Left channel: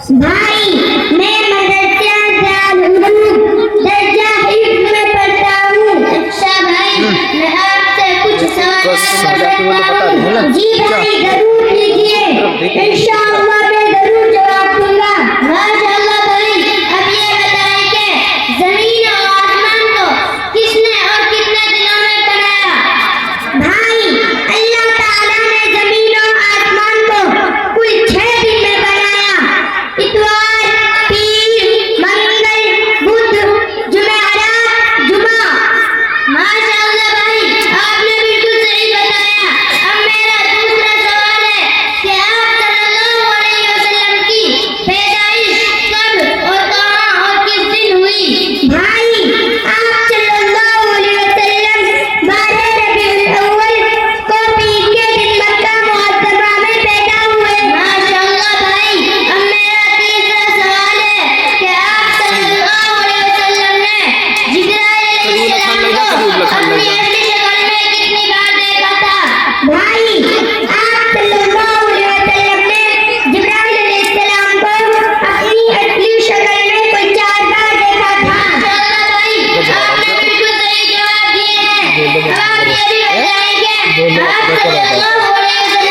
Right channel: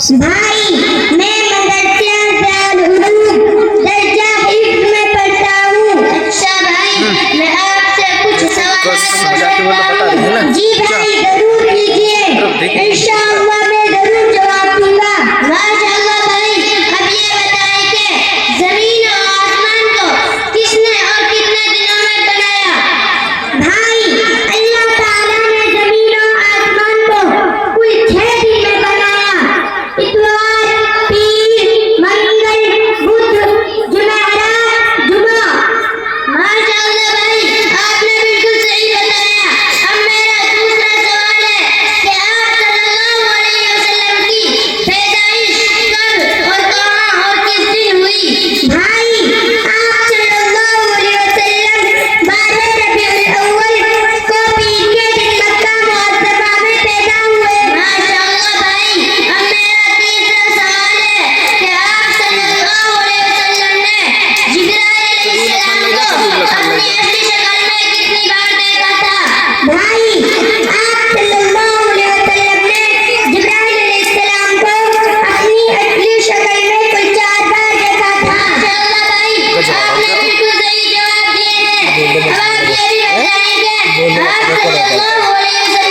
भाई मैं मदरसा दारुल दर्जा हिफ्ज में पढ़ता हूँ। अच्छा भाई मैं आपसे कुछ सवाल जी भाई जरूर कीजिए, इंशाअल्लाह मैं जरूर जवाब दूंगा। माशाअल्लाह भाई अब ये बताएं कि जमीन और आसमान को किसने और कितने दिनों में बनाया? भाई अल्लाह ताला ने जमीन और आसमान को कुल 6 दिन में बनाया। इतवार, पीर, मंगल, बुध, जुमेरात, जुमा। माशाअल्लाह भाई आपने बिल्कुल सही बताया। अब मेरा दूसरा सवाल है कि आप सल्लल्लाहु अलैहि वसल्लम की पैदाइश कब और कहाँ और किस दिन हुई? भाई आप सल्लल्लाहु अलैहि वसल्लम 12 रबीउल अव्वल को पीर के दिन मक्का मुअत्तबा में पैदा हुए। माशाअल्लाह भाई अब मेरा तीसरा सवाल है कि आप सल्लल्लाहु अलैहि वसल्लम ने जिब्राइल अलैहिस्सलाम को अपनी असली शक्ल में कितनी बार देखा था? भाई आप सल्लल्लाहु अलैहि वसल्लम ने जिब्राइल अलैहिस्सलाम को अपनी असली शक्ल में कुल 4 बार देखा था। माशाअल्लाह भाई आपने बिल्कुल सही जवाब दिए हैं। अब आप ये भी बताएंगे आप सल्लल्लाहु अलैहि वसल्लम